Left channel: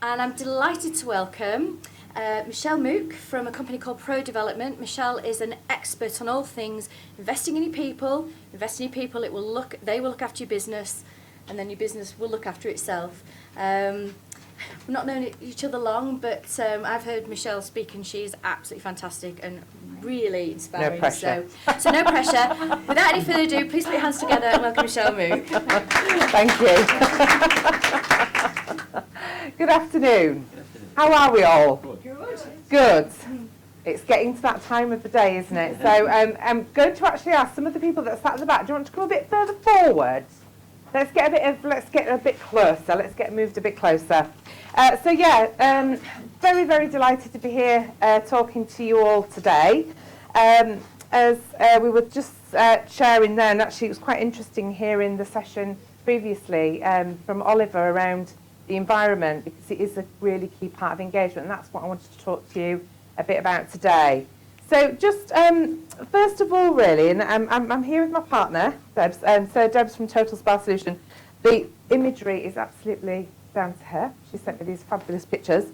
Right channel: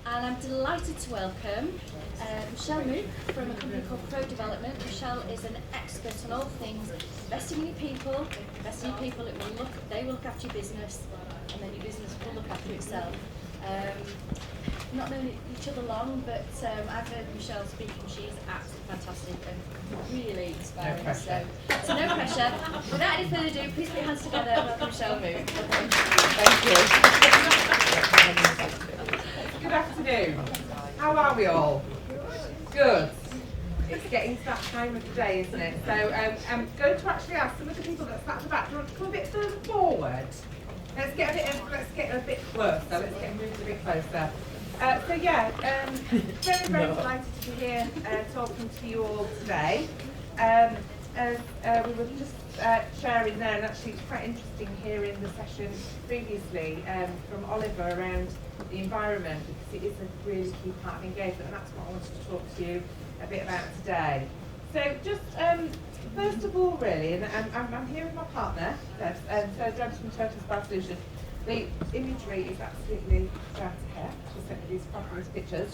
And I'm delighted to welcome Michelle Mook from a company called Pro Development. Michelle is an expert on all things investing in your people. Investing in people, they will look after your business, and then your business will look after itself. We've not known each other long, but I've heard Michelle speak, and she's absolutely fantastic and really inspiring. No pressure. So no pressure. Without any further ado, please put your hands together and welcome Michelle Mook. Thank you. Good afternoon. How are we all? Good. It's getting to that time of the day, isn't it? So I'm going to actually ask some of the people that sat at the back, do you want to come a bit further forward? Let's get a bit closer. Let's get moved a bit closer. Very, very delighted to be here talking to you all today. As we were just sharing there, and actually it was quite interesting hearing the session previously from Oliver around the environment, because it is a really key part of engagement, and that's what I wanted to talk to you a bit about today. So just first of all, really, and I'm here with my partner, Debs, and so Debs from Total Spa Solution. The imagery is absolutely down to her. She sent me these fabulous pictures.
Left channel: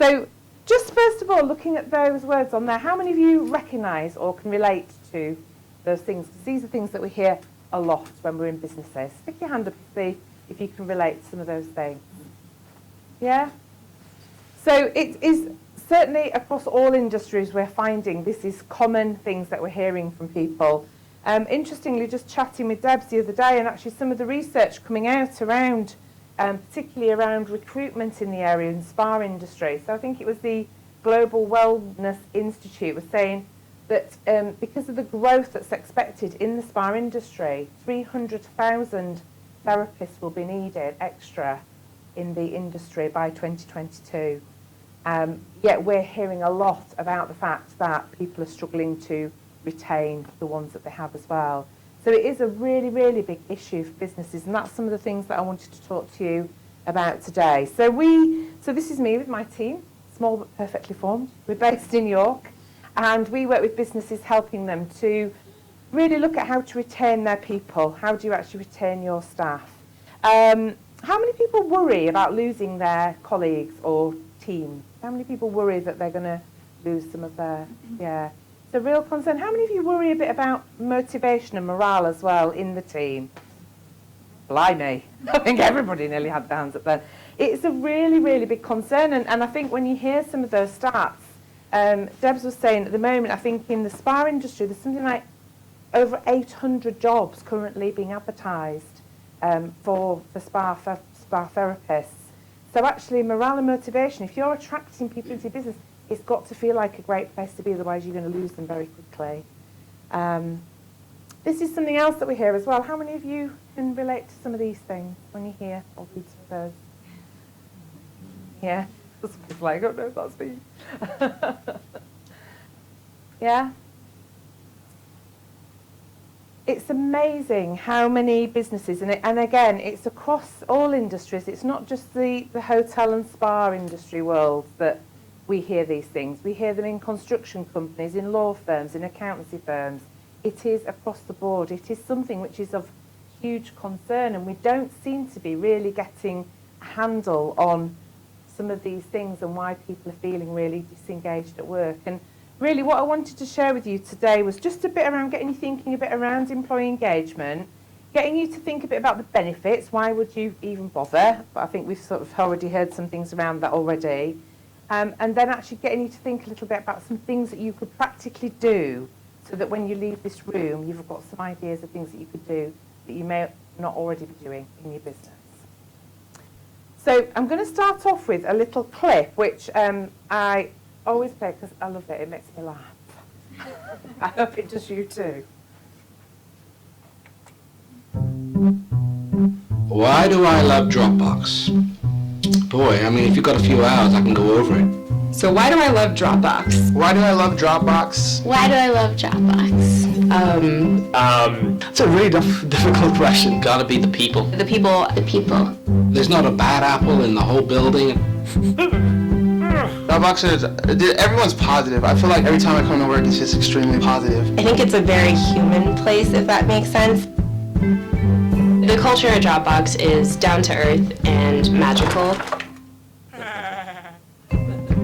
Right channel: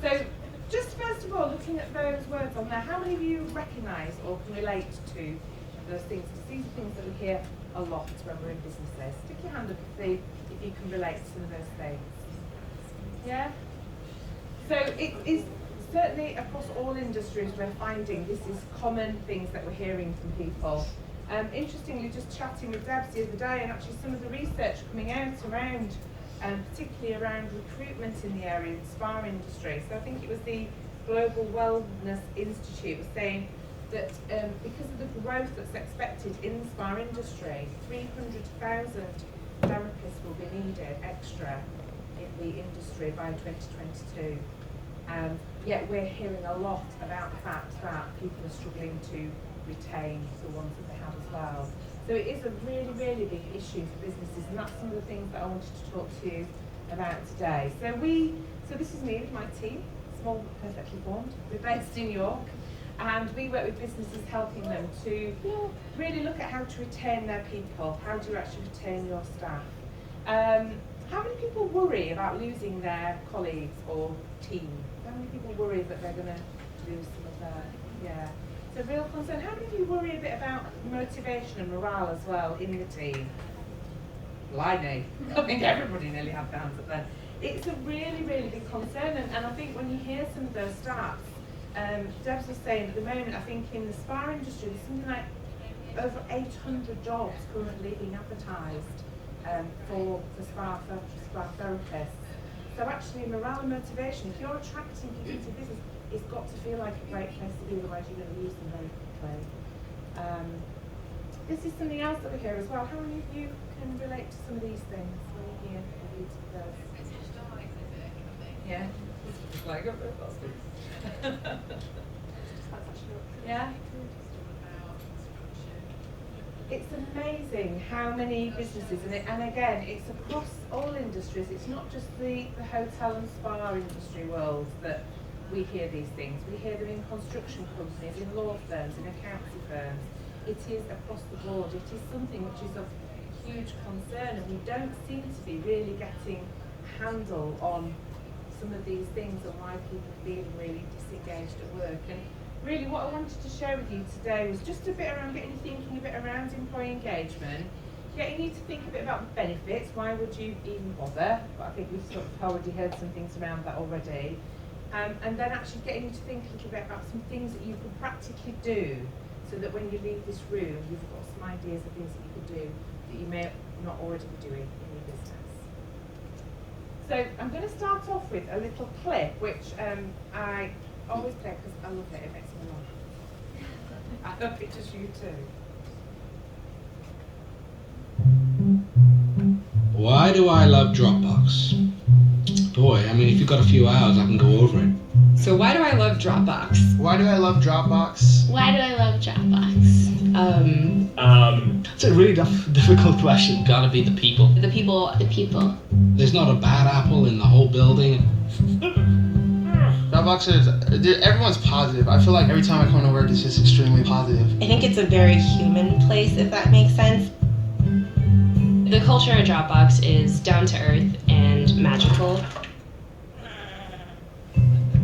So just first of all, looking at those words on there, how many of you recognise or can relate to those things? Because these are things that we hear a lot when we're in businesses. Stick your hand up to see if you can relate to some of those things. Yeah? So it is certainly across all industries we're finding this is common things that we're hearing from people. Interestingly, just chatting with Debs the other day, and actually some of the research coming out around, particularly around recruitment in the area in spa industry. So I think it was the Global Wellness Institute was saying that because of the growth that's expected in the spa industry, 300,000 therapists will be needed extra in the industry by 2022. Yet we're hearing a lot about the fact that people are struggling to retain the ones that they have as well. So it is a really, really big issue for businesses, and that's some of the things that I wanted to talk to you about today. So this is me with my team, small but perfectly formed. We're based in York, and we work with businesses helping them to really look at how to retain their people. How do you actually retain your staff? How many people worry about losing their colleagues or team? How many people worry that they're going to lose some of their, it's a real concern. How many of you worry a bit about motivation and morale as well in the team? Blimey, I think everybody nearly had their hands up then. It's a really, really big concern, and I think when you hear some of those stats, Debs was saying at the moment, I think in the spa industry there's something like over 800 jobs currently being advertised for spa therapists. So actually morale and motivation, if you're attracting people into your business, it's got to feel like a great place to be, otherwise you're going to lose them very quickly. This is something else that we hear as well. How many of you can relate to some of these things when you hear all these words? Yeah? It's like, oh no, that's me. Yeah? It's amazing how many businesses, and again, it's across all industries. It's not just the hotel and spa industry world that we hear these things. We hear them in construction companies, in law firms, in accountancy firms. It is across the board. It is something which is of huge concern, and we don't seem to be really getting a handle on some of these things and why people are feeling really disengaged at work. And really what I wanted to share with you today was just a bit around getting you thinking a bit around employee engagement, getting you to think a bit about the benefits. Why would you even bother? But I think we've sort of already heard some things around that already. And then actually getting you to think a little bit about some things that you could practically do so that when you leave this room, you've got some ideas of things that you could do that you may not already be doing in your business. So I'm going to start off with a little clip, which I always play because I love it. It makes me laugh. I hope it does you too. Why do I love Dropbox? Boy, I mean, if you've got a few hours, I can go over it. So why do I love Dropbox? Why do I love Dropbox? Why do I love Dropbox? It's a really difficult question. Gotta be the people. The people. There's not a bad apple in the whole building. Dropbox is, everyone's positive. I feel like every time I come to work, it's just extremely positive. I think it's a very human place, if that makes sense. The culture at Dropbox is down to earth and magical.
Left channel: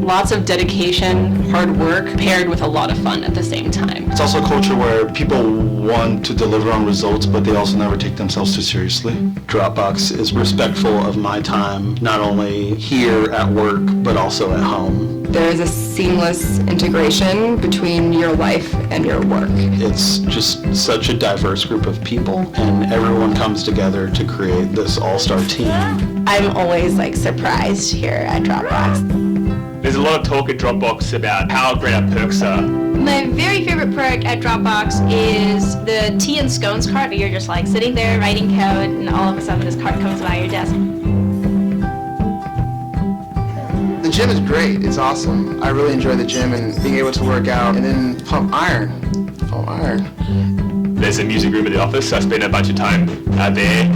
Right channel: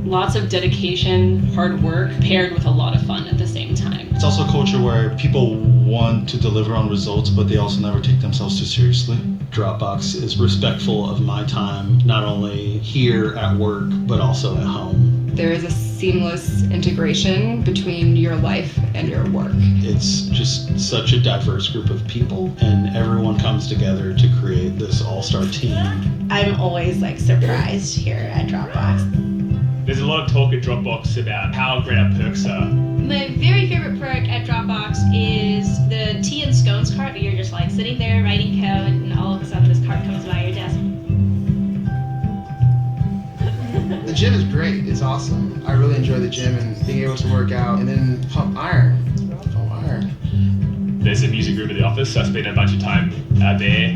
Lots of dedication, hard work, paired with a lot of fun at the same time. It's also a culture where people want to deliver on results, but they also never take themselves too seriously. Dropbox is respectful of my time, not only here at work, but also at home. There's a seamless integration between your life and your work. It's just such a diverse group of people, and everyone comes together to create this all-star team. I'm always surprised here at Dropbox. There's a lot of talk at Dropbox about how great our perks are. My very favorite perk at Dropbox is the tea and scones cart, where you're just sitting there writing code and all of a sudden this cart comes by your desk. The gym is great. It's awesome. I really enjoy the gym and being able to work out and then pump iron. There's a music room at the office, so I spend a bunch of time out there,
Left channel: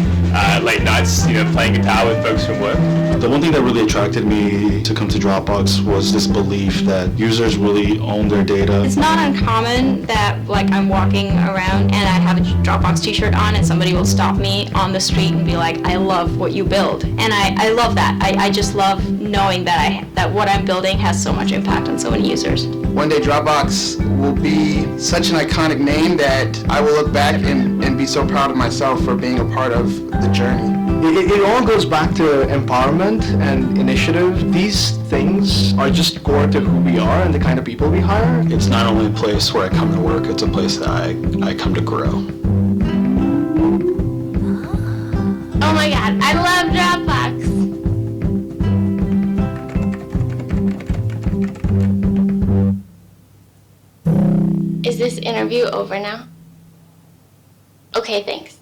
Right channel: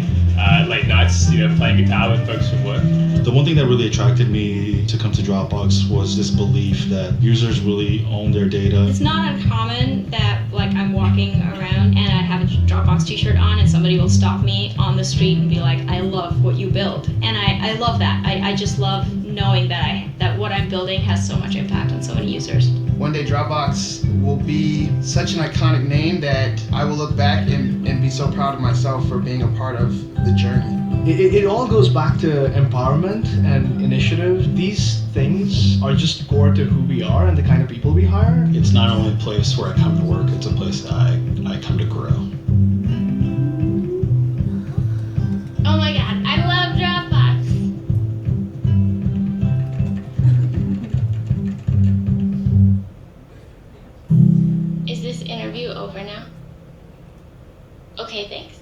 late nights, playing guitar with folks from work. The one thing that really attracted me to come to Dropbox was this belief that users really own their data. It's not uncommon that I'm walking around and I have a Dropbox t-shirt on and somebody will stop me on the street and be like, I love what you build. And I love that. I just love knowing that what I'm building has so much impact on so many users. One day Dropbox will be such an iconic name that I will look back and be so proud of myself for being a part of the journey. It all goes back to empowerment and initiative. These things are just core to who we are and the kind of people we hire. It's not only a place where I come to work, it's a place that I come to grow. Oh my god, I love Dropbox. Is this interview over now? Okay, thanks.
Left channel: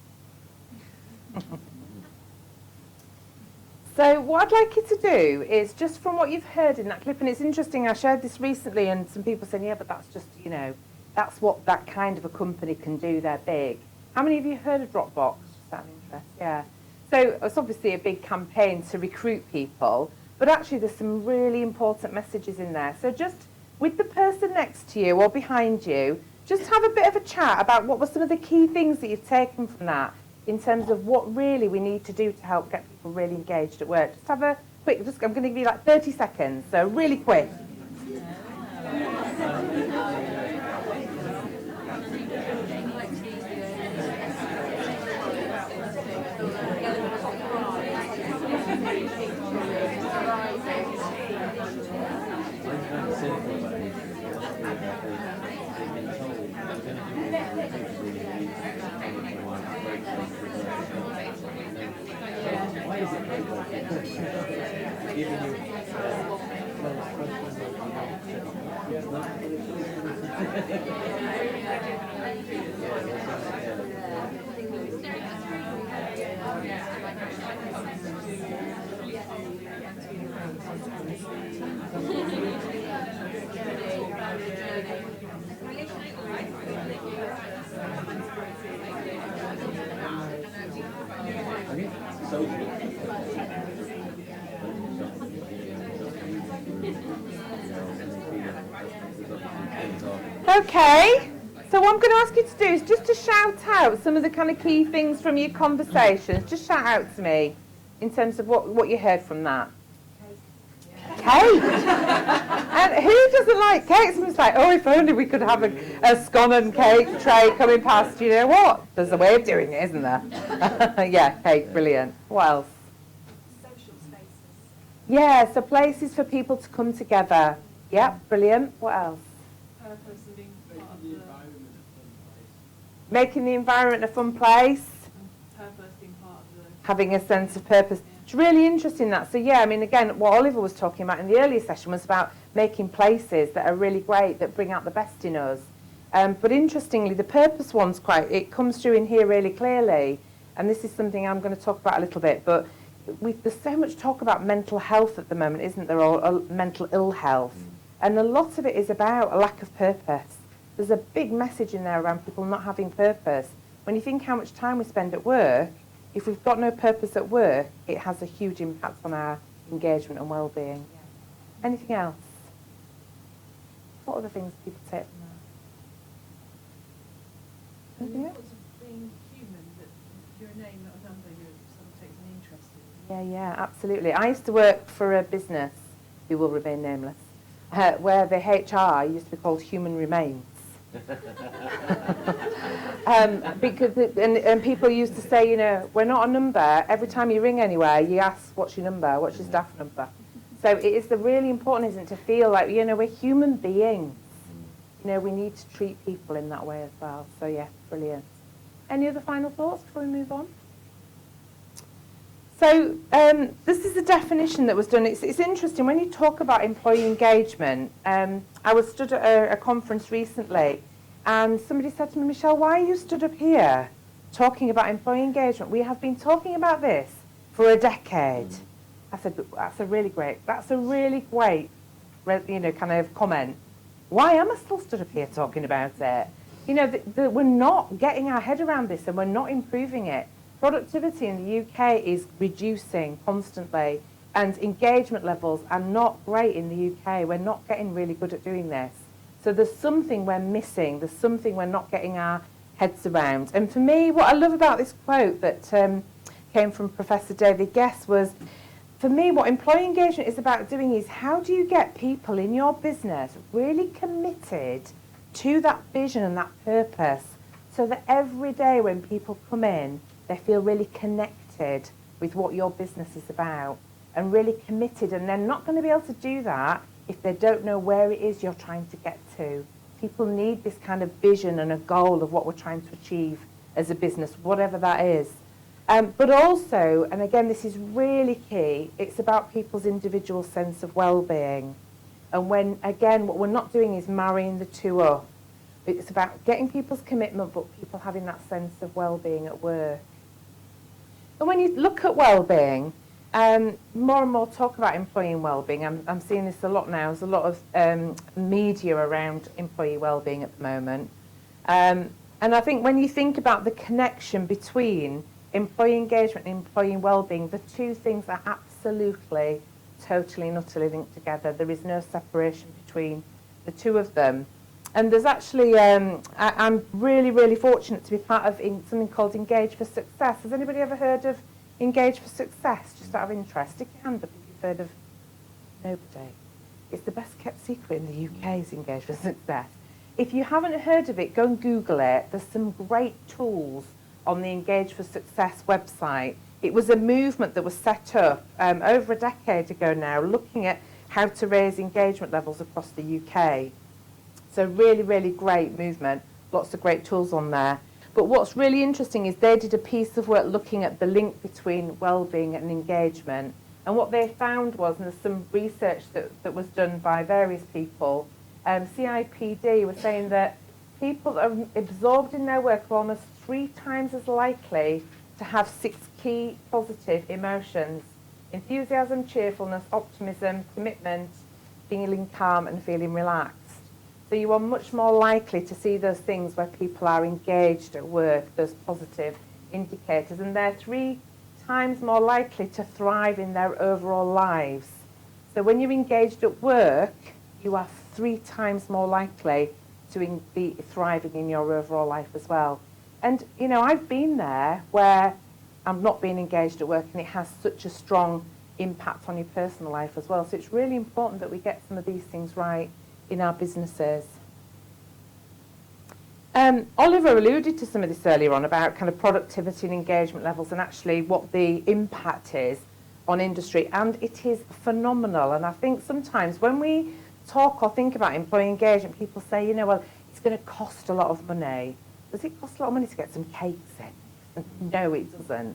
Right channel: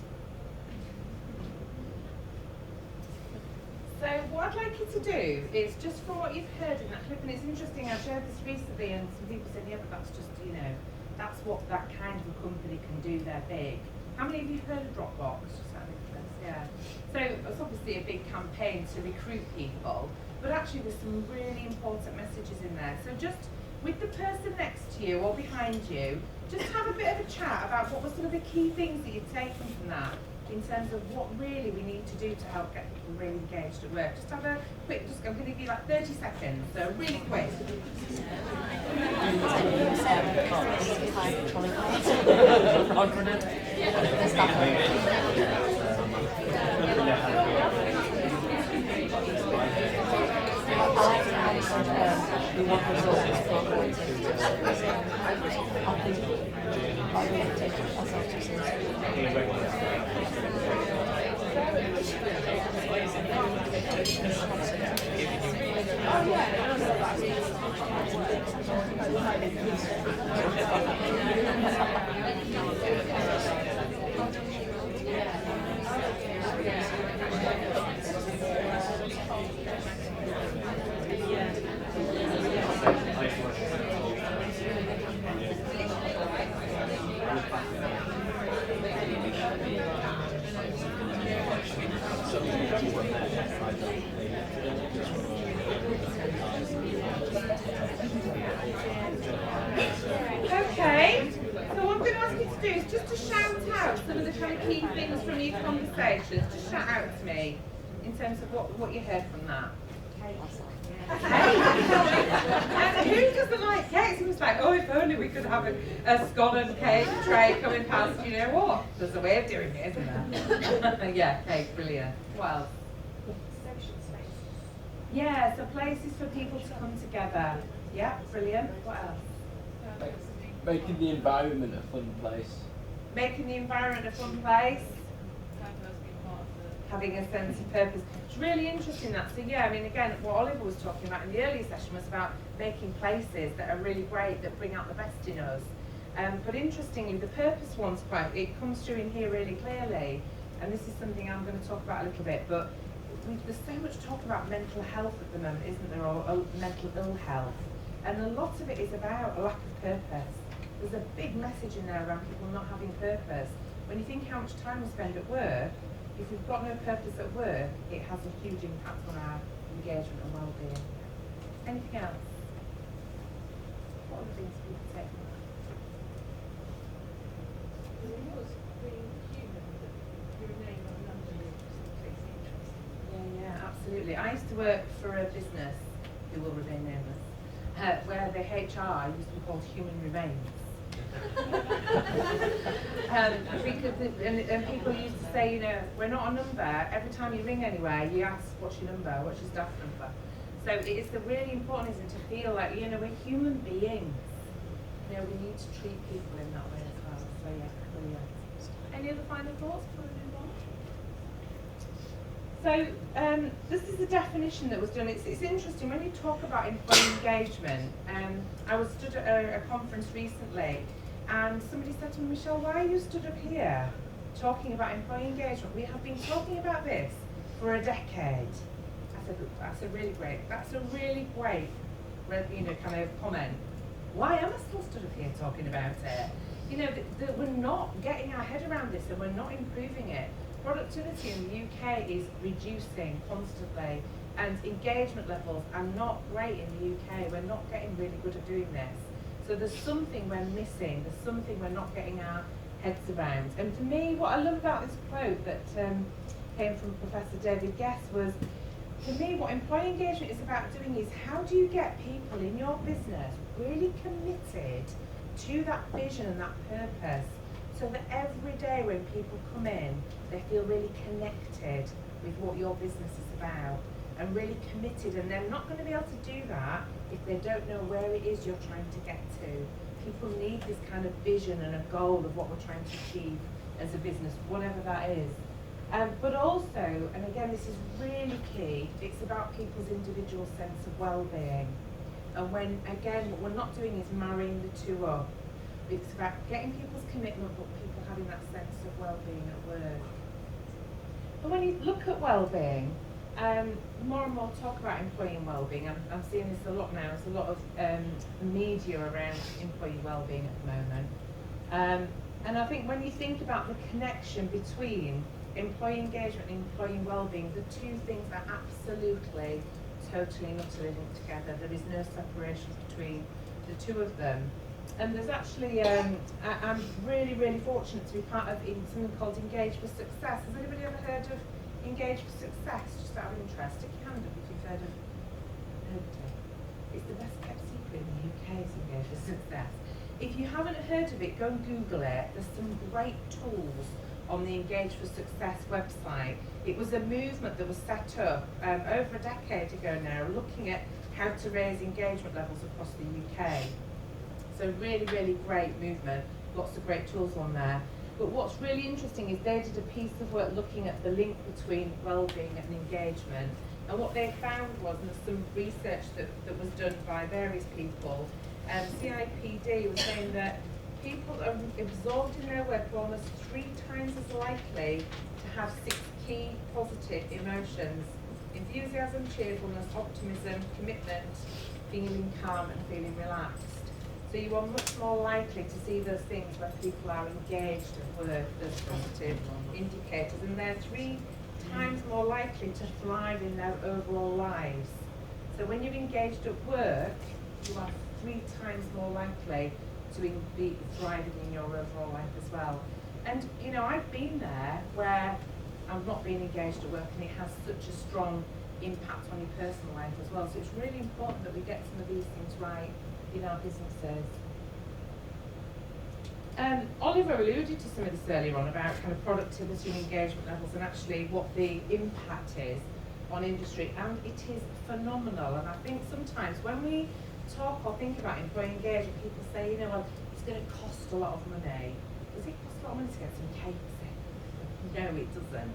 So what I'd like you to do is, just from what you've heard in that clip, and it's interesting, I shared this recently and some people said, yeah, but that's just, that's what that kind of a company can do, they're big. How many of you have heard of Dropbox? Just out of interest, yeah. So it's obviously a big campaign to recruit people, but actually there's some really important messages in there. So just with the person next to you or behind you, just have a bit of a chat about what were some of the key things that you've taken from that, in terms of what really we need to do to help get people really engaged at work. Just have a quick, I'm going to give you 30 seconds, so really quick. Okay, so what I'm going to ask you to do is just to shout out some of the kind of key things from your conversations. Just shout out to me in terms of what you heard from that. Cake! And who doesn't like cake? Someone's like, oh, if only we could have a scone and cake tray coming past. You know what? There's a way of doing it, isn't there? Yeah, cake, brilliant. What else? Yeah, so places for people to come together. Yeah, brilliant. What else? Making the environment a fun place. Making the environment a fun place. Having a sense of purpose. It's really interesting that. So yeah, I mean, again, what Oliver was talking about in the earlier session was about making places that are really great, that bring out the best in us. But interestingly, the purpose one's it comes through in here really clearly. And this is something I'm going to talk about a little bit. But there's so much talk about mental health at the moment, isn't there, or mental ill health. And a lot of it is about a lack of purpose. There's a big message in there around people not having purpose. When you think how much time we spend at work, if we've got no purpose at work, it has a huge impact on our engagement and well-being. Anything else? What other things do people take? Anything else? Yeah, absolutely. I used to work for a business who will remain nameless. where the HR used to be called human remains. Because and people used to say, you know, we're not a number. Every time you ring anywhere, you ask, what's your number? What's your staff number? So it is really important, isn't it, to feel like, you know, we're human beings. You know, we need to treat people in that way as well. So yeah, brilliant. Any other final thoughts before we move on? So this is a definition that was done. It's interesting when you talk about employee engagement. I was stood at a conference recently, and somebody said to me, Michelle, why are you stood up here talking about employee engagement? We have been talking about this for a decade. I said, that's a really great, you know, kind of comment. Why am I still stood up here talking about it? You know, we're not getting our head around this, and we're not improving it. Productivity in the UK is reducing constantly, and engagement levels are not great in the UK. We're not getting really good at doing this. So there's something we're missing. There's something we're not getting our heads around. And for me, what I love about this quote that came from Professor David Guest was, for me, what employee engagement is about doing is how do you get people in your business really committed to that vision and that purpose, so that every day when people come in, they feel really connected with what your business is about and really committed. And they're not going to be able to do that if they don't know where it is you're trying to get to. People need this kind of vision and a goal of what we're trying to achieve as a business, whatever that is. But also, and again, this is really key, it's about people's individual sense of well-being. And when, again, what we're not doing is marrying the two up. It's about getting people's commitment, but people having that sense of well-being at work. And when you look at well-being, more and more talk about employee well-being. I'm seeing this a lot now. There's a lot of media around employee well-being at the moment. And I think when you think about the connection between employee engagement and employee well-being, the two things are absolutely, totally and utterly linked together. There is no separation between the two of them. And there's actually, I'm really, really fortunate to be part of something called Engage for Success. Has anybody ever heard of Engage for Success, just out of interest? It can, but if you've heard of nobody. It's the best kept secret in the UK, is Engage for Success. If you haven't heard of it, go and Google it. There's some great tools on the Engage for Success website. It was a movement that was set up over a decade ago now, looking at how to raise engagement levels across the UK. So really, really great movement, lots of great tools on there. But what's really interesting is they did a piece of work looking at the link between well-being and engagement. And what they found was, and there's some research that was done by various people, CIPD was saying that people that are absorbed in their work are almost 3 times as likely to have 6 key positive emotions: enthusiasm, cheerfulness, optimism, commitment, feeling calm and feeling relaxed. So you are much more likely to see those things where people are engaged at work, those positive indicators, and they're 3 times more likely to thrive in their overall lives. So when you're engaged at work, you are 3 times more likely to be thriving in your overall life as well. And you know, I've been there where I'm not being engaged at work, and it has such a strong impact on your personal life as well. So it's really important that we get some of these things right in our businesses. Oliver alluded to some of this earlier on about kind of productivity and engagement levels, and actually what the impact is on industry, and it is phenomenal. And I think sometimes when we talk or think about employee engagement, people say, you know, well, it's going to cost a lot of money. Does it cost a lot of money to get some cakes in? No, it doesn't.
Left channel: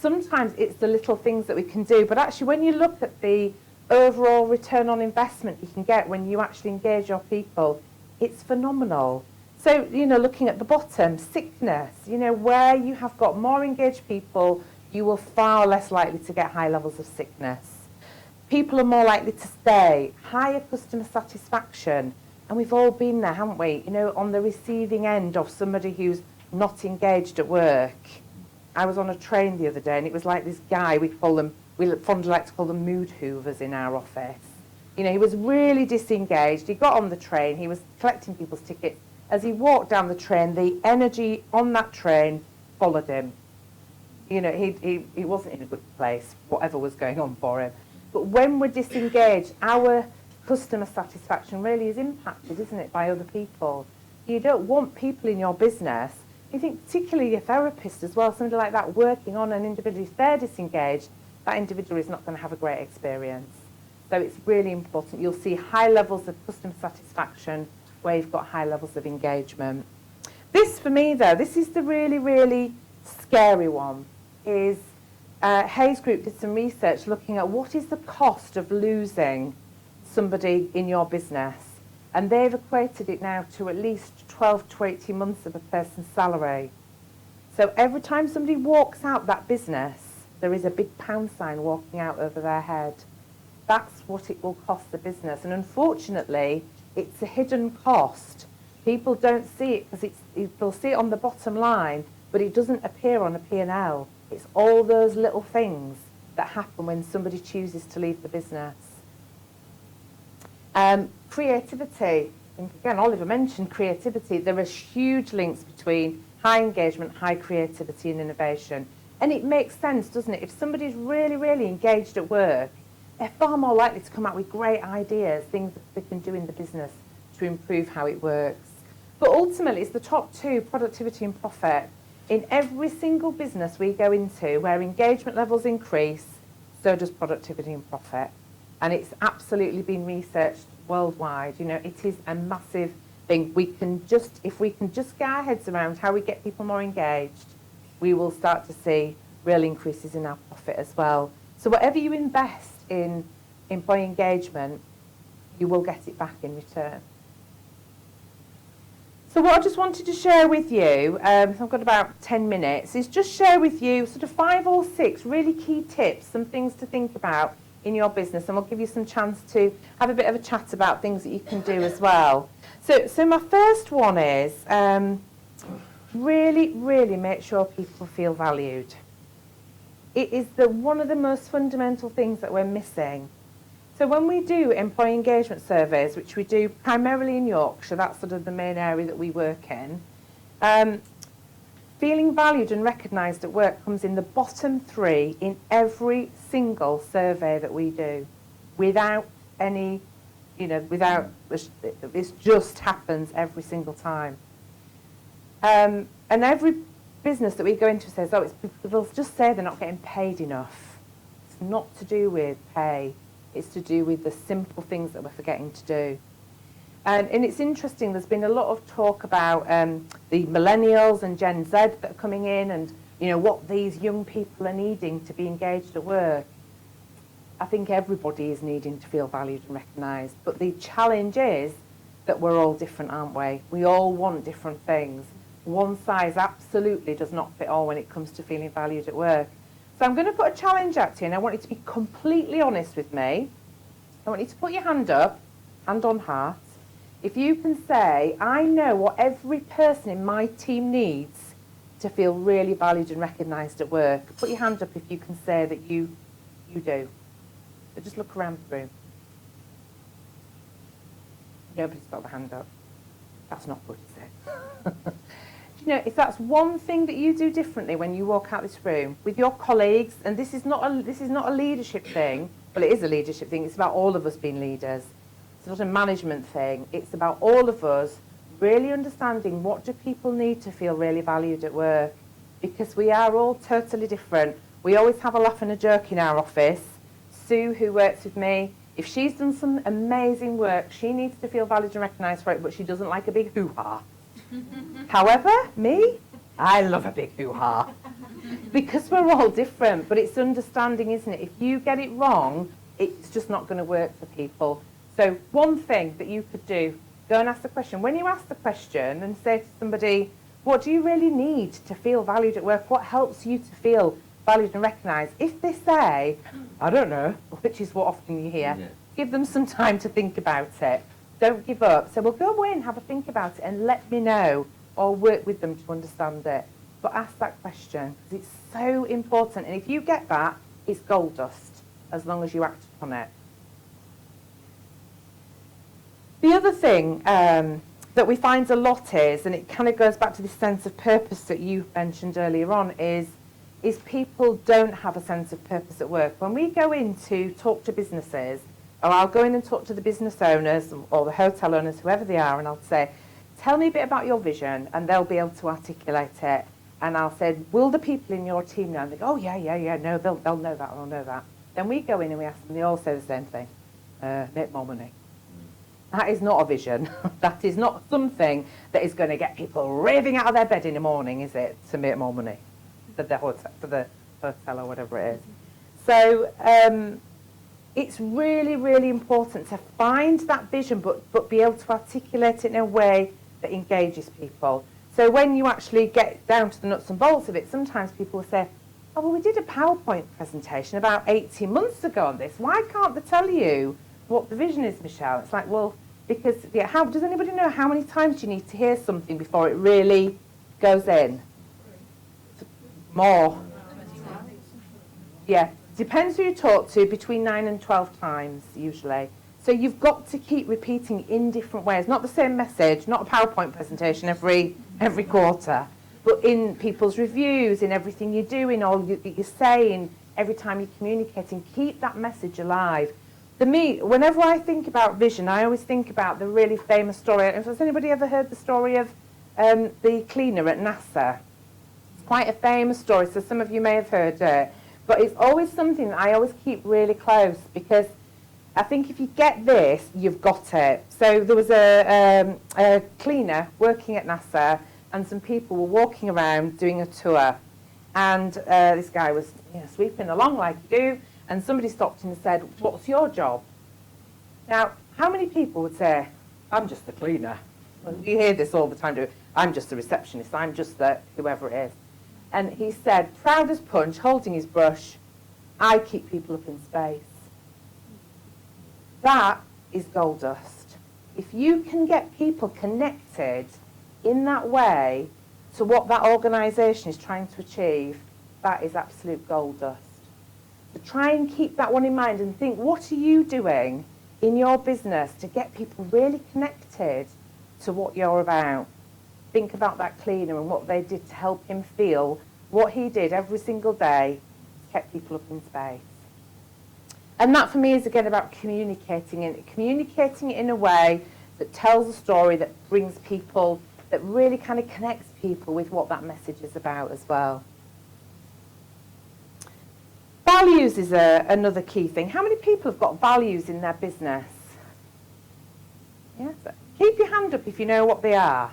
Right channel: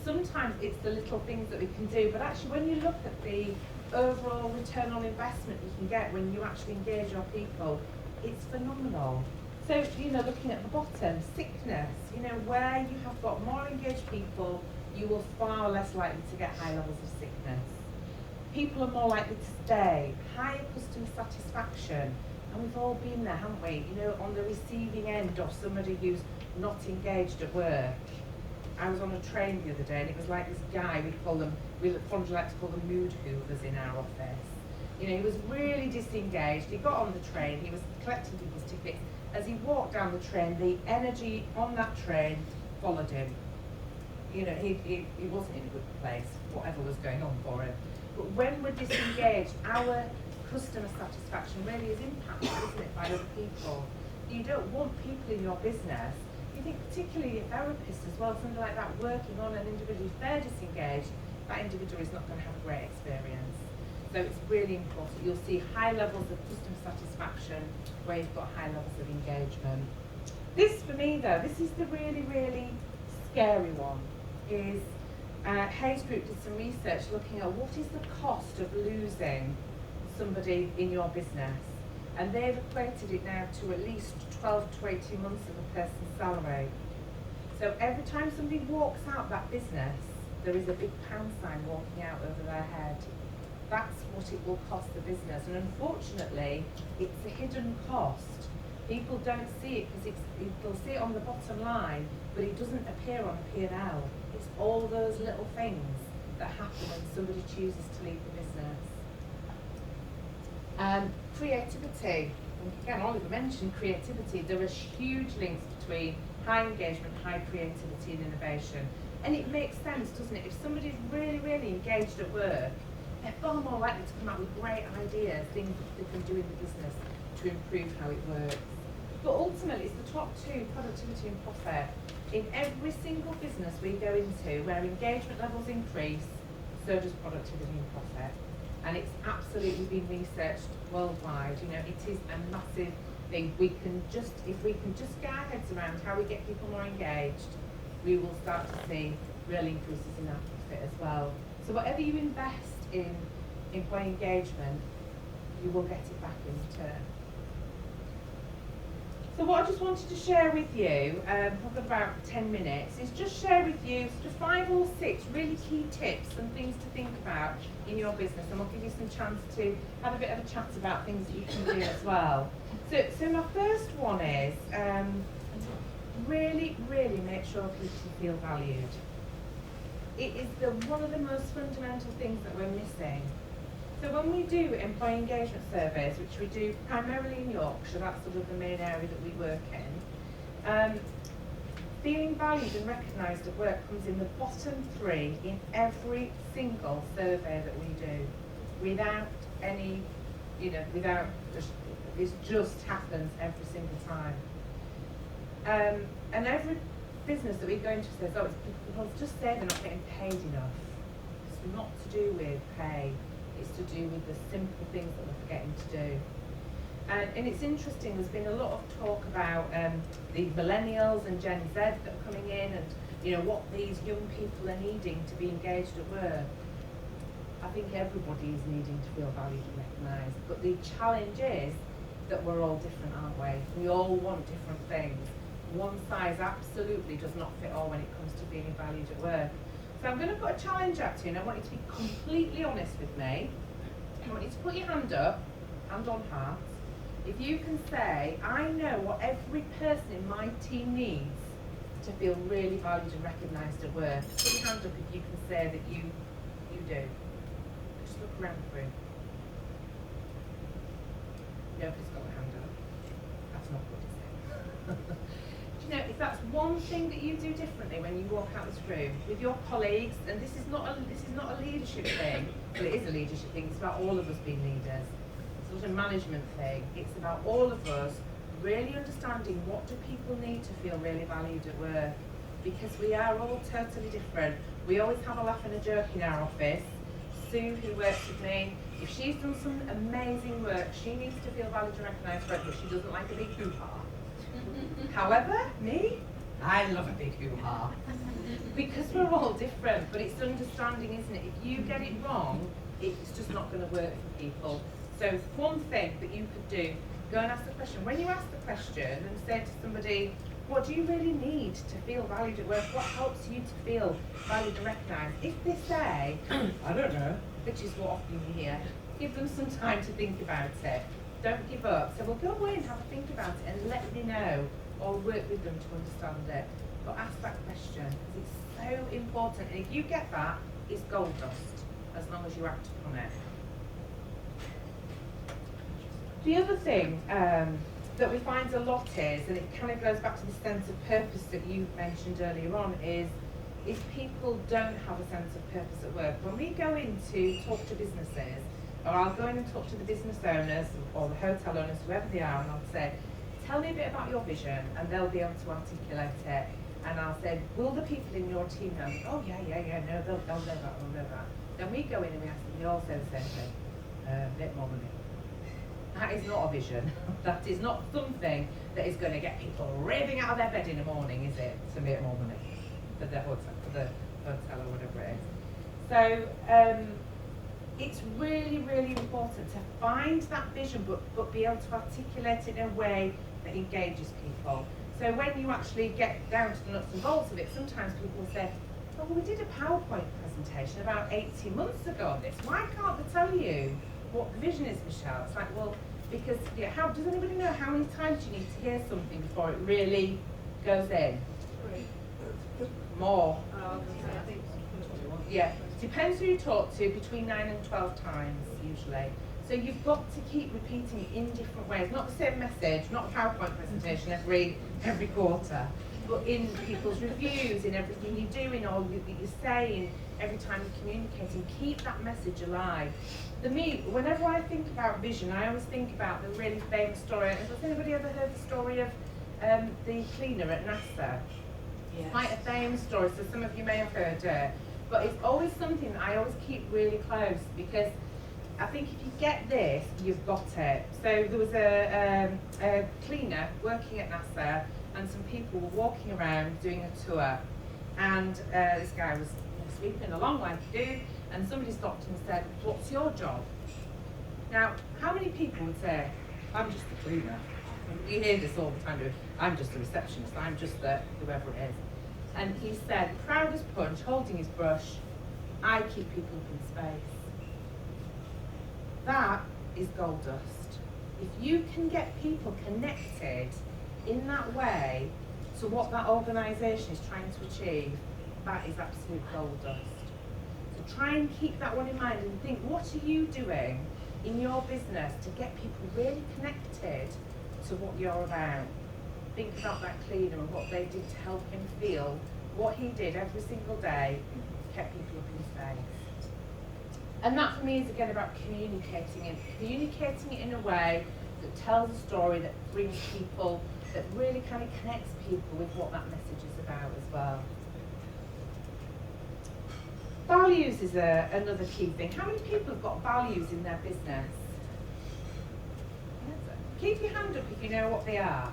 Sometimes it's the little things that we can do, but actually when you look at the overall return on investment you can get when you actually engage your people, it's phenomenal. So, you know, looking at the bottom, sickness, you know, where you have got more engaged people, you will far less likely to get high levels of sickness. People are more likely to stay, higher customer satisfaction, and we've all been there, haven't we? You know, on the receiving end of somebody who's not engaged at work. I was on a train the other day, and it was like this guy, we fondly like to call them mood hoovers in our office. You know, he was really disengaged. He got on the train, he was collecting people's tickets. As he walked down the train, the energy on that train followed him. You know, he wasn't in a good place, whatever was going on for him. But when we're disengaged, our customer satisfaction really is impacted, isn't it, by other people. You don't want people in your business, you think particularly your therapist as well, somebody like that working on an individual, if they're disengaged, that individual is not going to have a great experience. So it's really important. You'll see high levels of customer satisfaction where you've got high levels of engagement. This, for me, though, this is the really, really scary one, is Hayes Group did some research looking at what is the cost of losing somebody in your business. And they've equated it now to at least 12 to 18 months of a person's salary. So every time somebody walks out that business, there is a big pound sign walking out over their head. That's what it will cost the business. And unfortunately, it's a hidden cost. People don't see it because they'll see it on the bottom line, but it doesn't appear on a P&L. It's all those little things that happen when somebody chooses to leave the business. Creativity. And again, Oliver mentioned creativity. There are huge links between high engagement, high creativity and innovation. And it makes sense, doesn't it? If somebody's really, really engaged at work, they're far more likely to come out with great ideas, things that they can do in the business to improve how it works. But ultimately, it's the top two, productivity and profit. In every single business we go into, where engagement levels increase, so does productivity and profit. And it's absolutely been researched worldwide. You know, it is a massive thing. If we can just get our heads around how we get people more engaged, we will start to see real increases in our profit as well. So whatever you invest in employee engagement, you will get it back in return. So what I just wanted to share with you, I've got about 10 minutes, is just share with you sort of 5 or 6 really key tips, some things to think about in your business, and we'll give you some chance to have a bit of a chat about things that you can do as well. So my first one is really, really make sure people feel valued. It is one of the most fundamental things that we're missing. So when we do employee engagement surveys, which we do primarily in Yorkshire, that's sort of the main area that we work in, feeling valued and recognised at work comes in the bottom 3 in every single survey that we do, without any, this just happens every single time. And every business that we go into says, they'll just say they're not getting paid enough. It's not to do with pay. It's to do with the simple things that we're forgetting to do. And it's interesting, there's been a lot of talk about the millennials and Gen Z that are coming in and, what these young people are needing to be engaged at work. I think everybody is needing to feel valued and recognised. But the challenge is that we're all different, aren't we? We all want different things. One size absolutely does not fit all when it comes to feeling valued at work. So I'm going to put a challenge out to you, and I want you to be completely honest with me. I want you to put your hand up, hand on heart. If you can say, I know what every person in my team needs to feel really valued and recognised at work. Put your hand up if you can say that you do. So just look around the room. Nobody's got their hand up. That's not good, is it? If that's one thing that you do differently when you walk out this room with your colleagues, and this is not a leadership thing. Well, it is a leadership thing. It's about all of us being leaders. It's not a management thing. It's about all of us really understanding what do people need to feel really valued at work, because we are all totally different. We always have a laugh and a joke in our office. Sue, who works with me, if she's done some amazing work, she needs to feel valued and recognised for it, but she doesn't like a big hoo-ha. However, me, I love a big hoo-ha. Because we're all different, but it's understanding, isn't it? If you get it wrong, it's just not going to work for people. So one thing that you could do, go and ask the question. When you ask the question and say to somebody, what do you really need to feel valued at work? What helps you to feel valued and recognised? If they say, I don't know, which is what often you hear, give them some time to think about it. Don't give up. So we'll go away and have a think about it and let me know, or work with them to understand it. But ask that question, because it's so important. And if you get that, it's gold dust, as long as you act upon it. The other thing that we find a lot is, and it kind of goes back to this sense of purpose that you mentioned earlier on, is people don't have a sense of purpose at work. When we go in to talk to businesses, or I'll go in and talk to the business owners or the hotel owners, whoever they are, and I'll say, tell me a bit about your vision, and they'll be able to articulate it. And I'll say, will the people in your team know? And they go, oh yeah, no, they'll know that, they'll know that. Then we go in and we ask them, they all say the same thing, make more money. That is not a vision. That is not something that is going to get people raving out of their bed in the morning, is it, to make more money for the hotel or whatever it is. So it's really, really important to find that vision, but be able to articulate it in a way that engages people. So when you actually get down to the nuts and bolts of it, sometimes people will say, oh, well, we did a PowerPoint presentation about 18 months ago on this. Why can't they tell you what the vision is, Michelle? It's like, well, because, yeah, how does anybody know how many times you need to hear something before it really goes in? More. Yeah, depends who you talk to, between 9 and 12 times, usually. So you've got to keep repeating in different ways. Not the same message, not a PowerPoint presentation every quarter, but in people's reviews, in everything you do, in all that you're saying, every time you're communicating, keep that message alive. Whenever I think about vision, I always think about the really famous story. Has anybody ever heard the story of the cleaner at NASA? It's quite a famous story, so some of you may have heard it. But it's always something that I always keep really close, because I think if you get this, you've got it. So there was a cleaner working at NASA, and some people were walking around doing a tour. And this guy was sweeping along like you do, and somebody stopped him and said, what's your job? Now, how many people would say, I'm just the cleaner? You hear this all the time, I'm just the receptionist, I'm just the whoever it is. And he said, proud as punch, holding his brush, I keep people up in space. That is gold dust. If you can get people connected in that way to what that organisation is trying to achieve, that is absolute gold dust. So try and keep that one in mind and think, what are you doing in your business to get people really connected to what you're about? Think about that cleaner and what they did to help him feel. What he did every single day kept people up in space. And that for me is again about communicating it in a way that tells a story, that brings people, that really kind of connects people with what that message is about as well. Values is another key thing. How many people have got values in their business? Yeah, keep your hand up if you know what they are.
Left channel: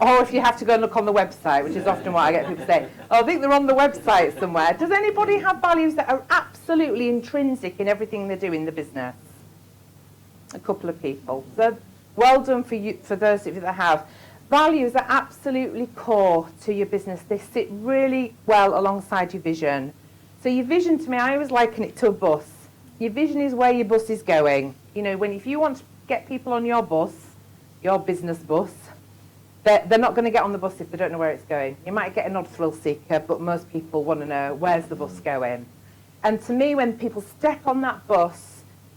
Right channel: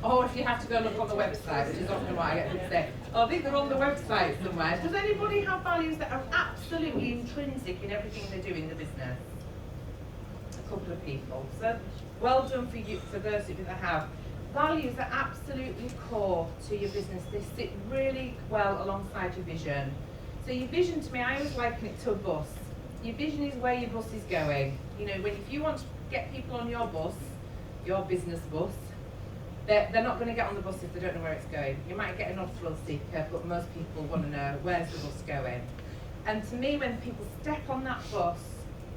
Or if you have to go and look on the website, which is often what I get people say, oh, I think they're on the website somewhere. Does anybody have values that are absolutely intrinsic in everything they do in the business? A couple of people. So well done for you, for those of you that have. Values are absolutely core to your business. They sit really well alongside your vision. So your vision, to me, I always liken it to a bus. Your vision is where your bus is going. You know, if you want to get people on your bus, your business bus, they're not going to get on the bus if they don't know where it's going. You might get an odd thrill seeker, but most people want to know, where's the bus going? And to me, when people step on that bus,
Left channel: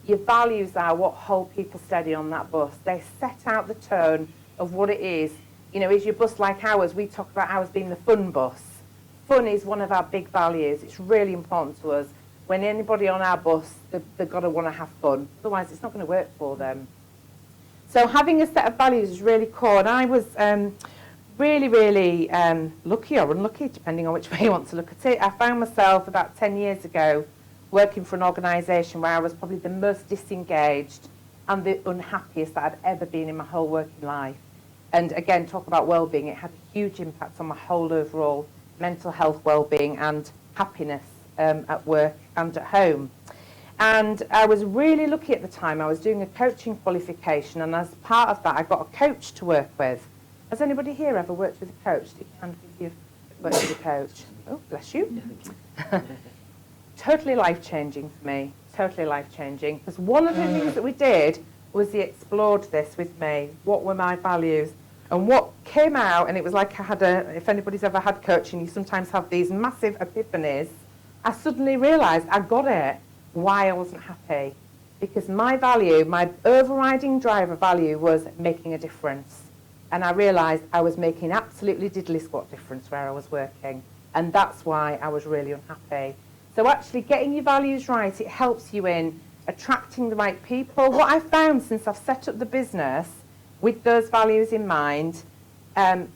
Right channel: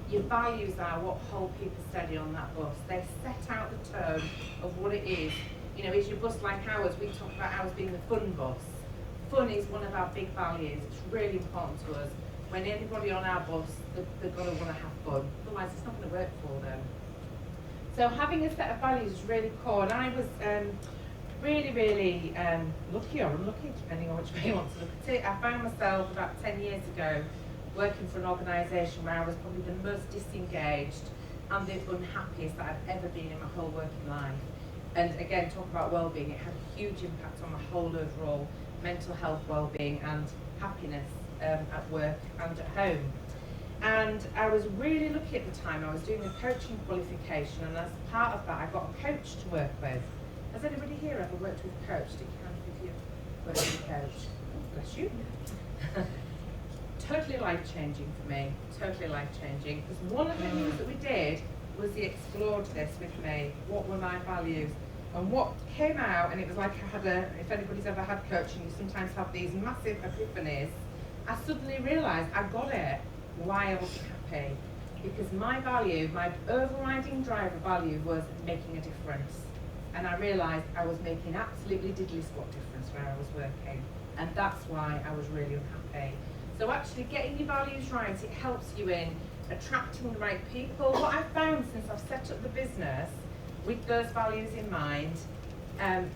your values are what hold people steady on that bus. They set out the tone of what it is. You know, is your bus like ours? We talk about ours being the fun bus. Fun is one of our big values. It's really important to us. When anybody on our bus, they've got to want to have fun. Otherwise, it's not going to work for them. So having a set of values is really core. And I was really, really lucky or unlucky, depending on which way you want to look at it. I found myself about 10 years ago working for an organisation where I was probably the most disengaged and the unhappiest that I'd ever been in my whole working life. And again, talk about wellbeing, it had a huge impact on my whole overall mental health, wellbeing and happiness at work and at home. And I was really lucky at the time. I was doing a coaching qualification, and as part of that I got a coach to work with. Has anybody here ever worked with a coach? If you've worked with a coach? Oh, bless you. Totally life-changing for me, totally life-changing. Because one of the things that we did was he explored this with me. What were my values? And what came out, and it was like I had if anybody's ever had coaching, you sometimes have these massive epiphanies. I suddenly realised I got it, why I wasn't happy. Because my value, my overriding driver value was making a difference. And I realised I was making absolutely diddly squat difference where I was working. And that's why I was really unhappy. So actually getting your values right, it helps you in attracting the right people. What I've found since I've set up the business with those values in mind,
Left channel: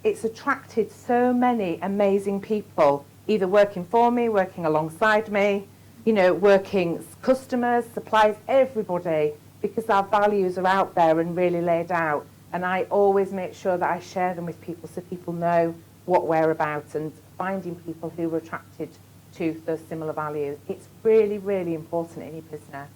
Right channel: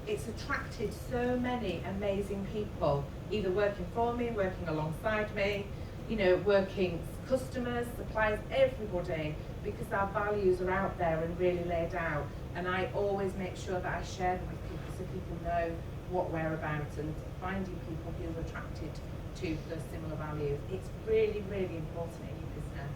it's attracted so many amazing people, either working for me, working alongside me, you know, working customers, suppliers, everybody, because our values are out there and really laid out. And I always make sure that I share them with people so people know what we're about, and finding people who are attracted to those similar values. It's really, really important in your business.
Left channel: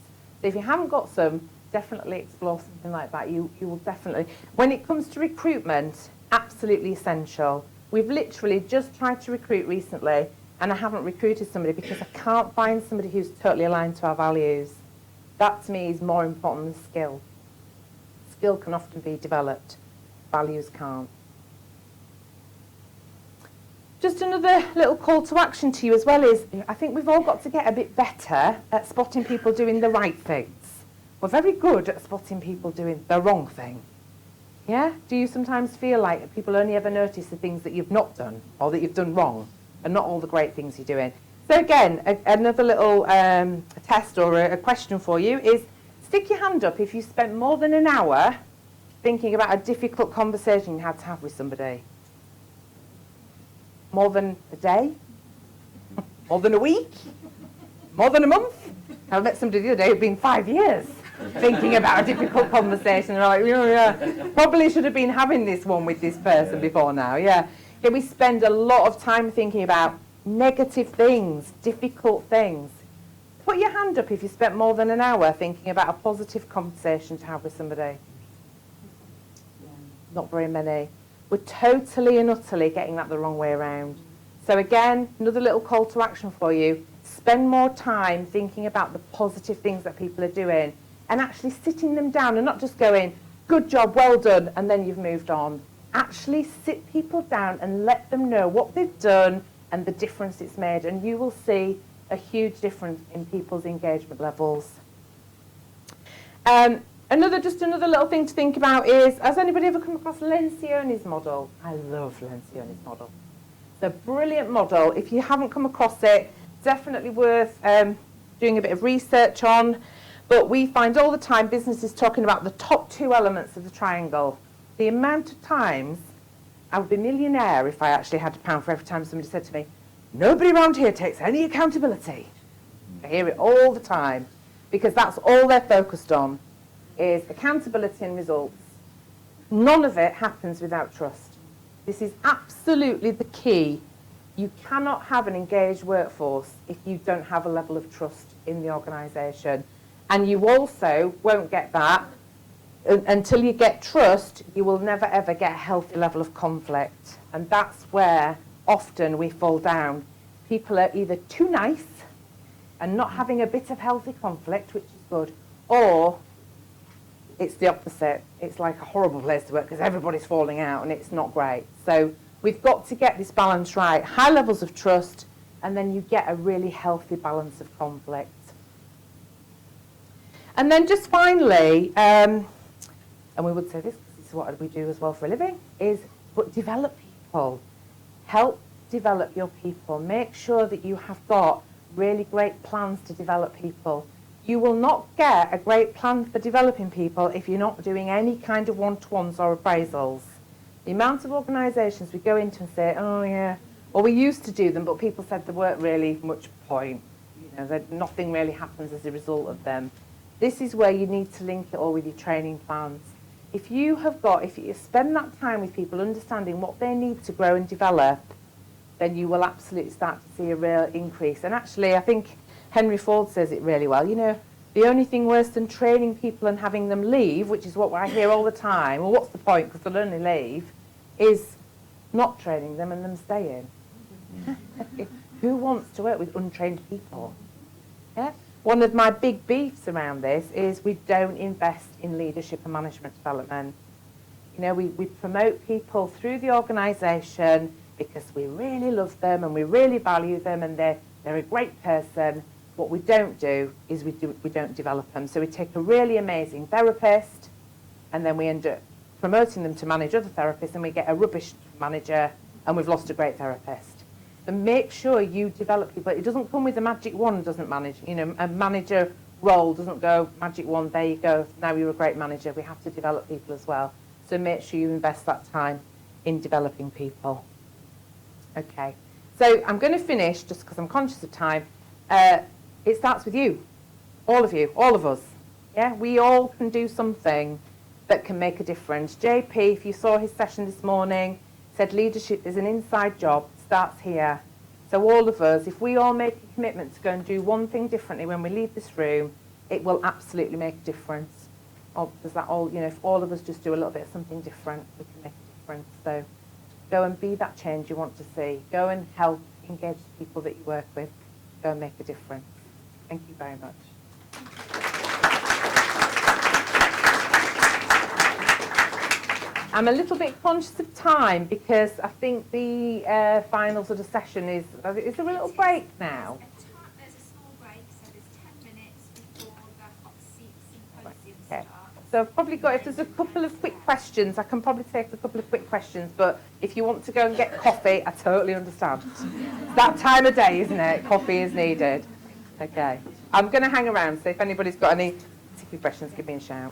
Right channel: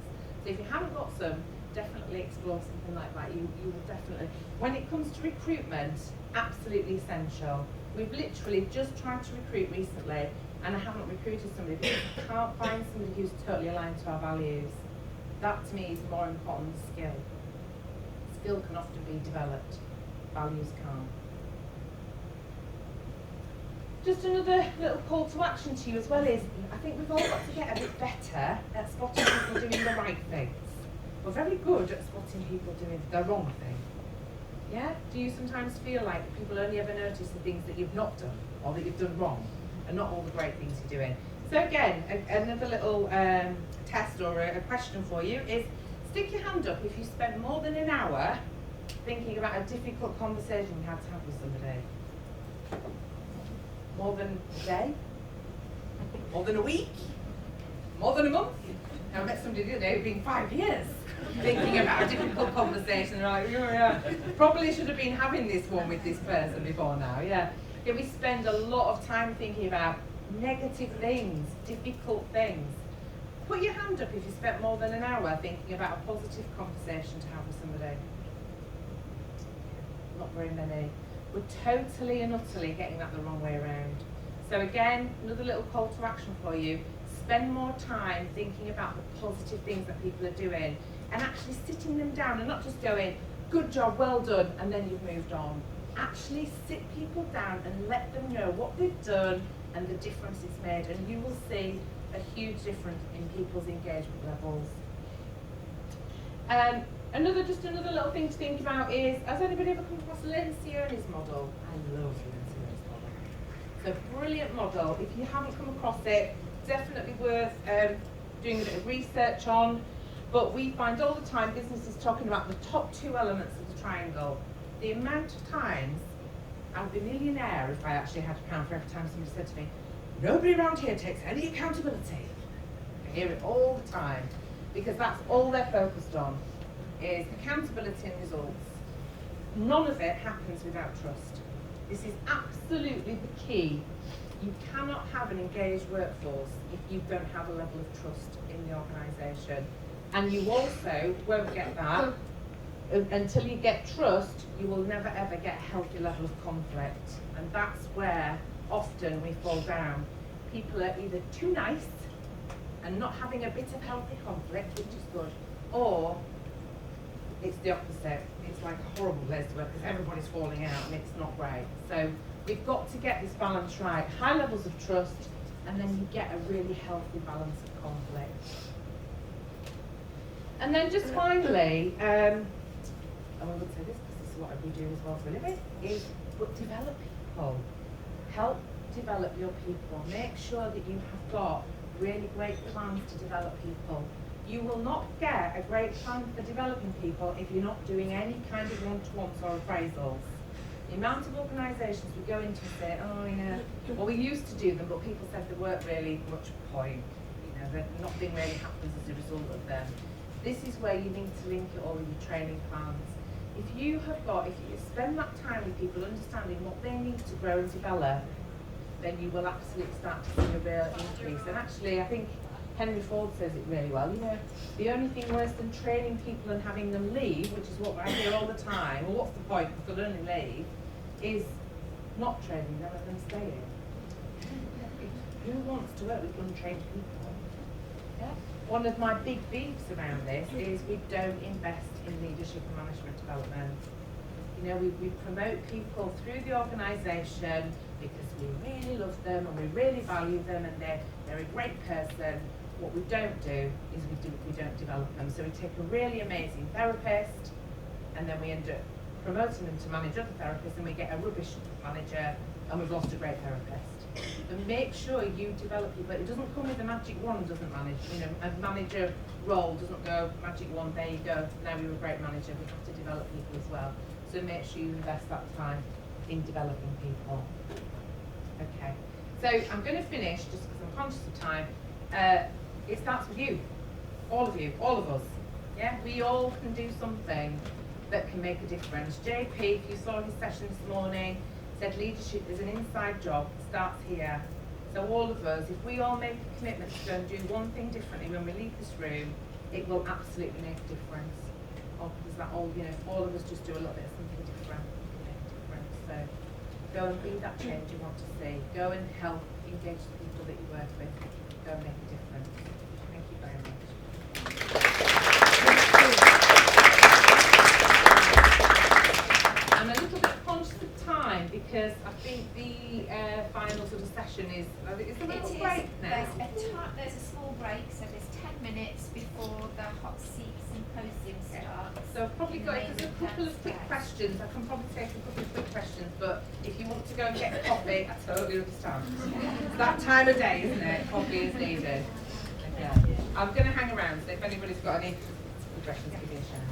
So if you haven't got some, definitely explore something like that. You will definitely. When it comes to recruitment, absolutely essential. We've literally just tried to recruit recently, and I haven't recruited somebody because I can't find somebody who's totally aligned to our values. That to me is more important than skill. Skill can often be developed, values can't. Just another little call to action to you as well is, I think we've all got to get a bit better at spotting people doing the right things. We're very good at spotting people doing the wrong thing. Yeah? Do you sometimes feel like people only ever notice the things that you've not done or that you've done wrong and not all the great things you're doing? So again, another little test or a question for you is, stick your hand up if you spent more than an hour thinking about a difficult conversation you had to have with somebody. More than a day? More than a week? More than a month? I met somebody the other day who'd been 5 years thinking about a difficult conversation, and I'm like, oh, yeah, probably should have been having this one with this person before now, yeah. Okay, we spend a lot of time thinking about negative things, difficult things. Put your hand up if you spent more than an hour thinking about a positive conversation to have with somebody. Not very many. We're totally and utterly getting that the wrong way around. So again, another little call to action for you. Spend more time thinking about the positive things that people are doing and actually sitting them down and not just going, good job, well done, and then you've moved on. Actually sit people down and let them know what they've done and the difference it's made, and you will see a huge difference in people's engagement levels. Just another little thing to think about is, has anybody ever come across Lencioni's model? I love Lencioni's model. It's a brilliant model. If you haven't come across it, definitely worth doing a bit of research on. But we find all the time businesses talking about the top 2 elements of the triangle. The amount of times I would be a millionaire if I actually had £1 for every time somebody said to me, nobody around here takes any accountability. I hear it all the time because that's all they're focused on, is accountability and results. None of it happens without trust. This is absolutely the key. You cannot have an engaged workforce if you don't have a level of trust in the organisation. And you also won't get that until you get trust. You will never ever get a healthy level of conflict. And that's where often we fall down. People are either too nice and not having a bit of healthy conflict, which is good, or it's the opposite. It's like a horrible place to work because everybody's falling out and it's not great. So we've got to get this balance right. High levels of trust, and then you get a really healthy balance of conflict. And then just finally, and we would say this is what we do as well for a living, is develop people. Help develop your people. Make sure that you have got really great plans to develop people. You will not get a great plan for developing people if you're not doing any kind of one-to-ones or appraisals. The amount of organisations we go into and say, oh yeah, or we used to do them, but people said there weren't really much point. You know, that nothing really happens as a result of them. This is where you need to link it all with your training plans. If you spend that time with people understanding what they need to grow and develop, then you will absolutely start to see a real increase. And actually, I think Henry Ford says it really well. You know, the only thing worse than training people and having them leave, which is what I hear all the time, well, what's the point, because they'll only leave, is not training them and them staying. Who wants to work with untrained people? Yeah? One of my big beefs around this is we don't invest in leadership and management development. You know, we promote people through the organisation because we really love them and we really value them and they're a great person. What we don't do is we don't develop them. So we take a really amazing therapist and then we end up promoting them to manage other therapists and we get a rubbish manager and we've lost a great therapist. and make sure you develop people. It doesn't come with a magic wand, doesn't manage, you know, a manager role doesn't go, magic wand, there you go, now you're a great manager. We have to develop people as well. So make sure you invest that time in developing people. Okay, so I'm going to finish, just because I'm conscious of time. It starts with you, all of us. Yeah, we all can do something that can make a difference. JP, if you saw his session this morning, said leadership is an inside job, starts here. So all of us, if we all make a commitment to go and do one thing differently when we leave this room, it will absolutely make a difference. Or does that all, you know, if all of us just do a little bit of something different, we can make a difference. So go and be that change you want to see. Go and help engage the people that you work with. Go and make a difference. Thank you very much. I'm a little bit conscious of time because I think the final sort of session is a little break now. There's a small break, so there's 10 minutes before the hot seat symposium starts. So I've probably got, if there's a couple of quick questions, I can probably take a couple of quick questions, but if you want to go and get coffee, I totally understand. It's that time of day, isn't it? Coffee is needed. Okay. I'm going to hang around, so if anybody's got any particular questions, give me a shout.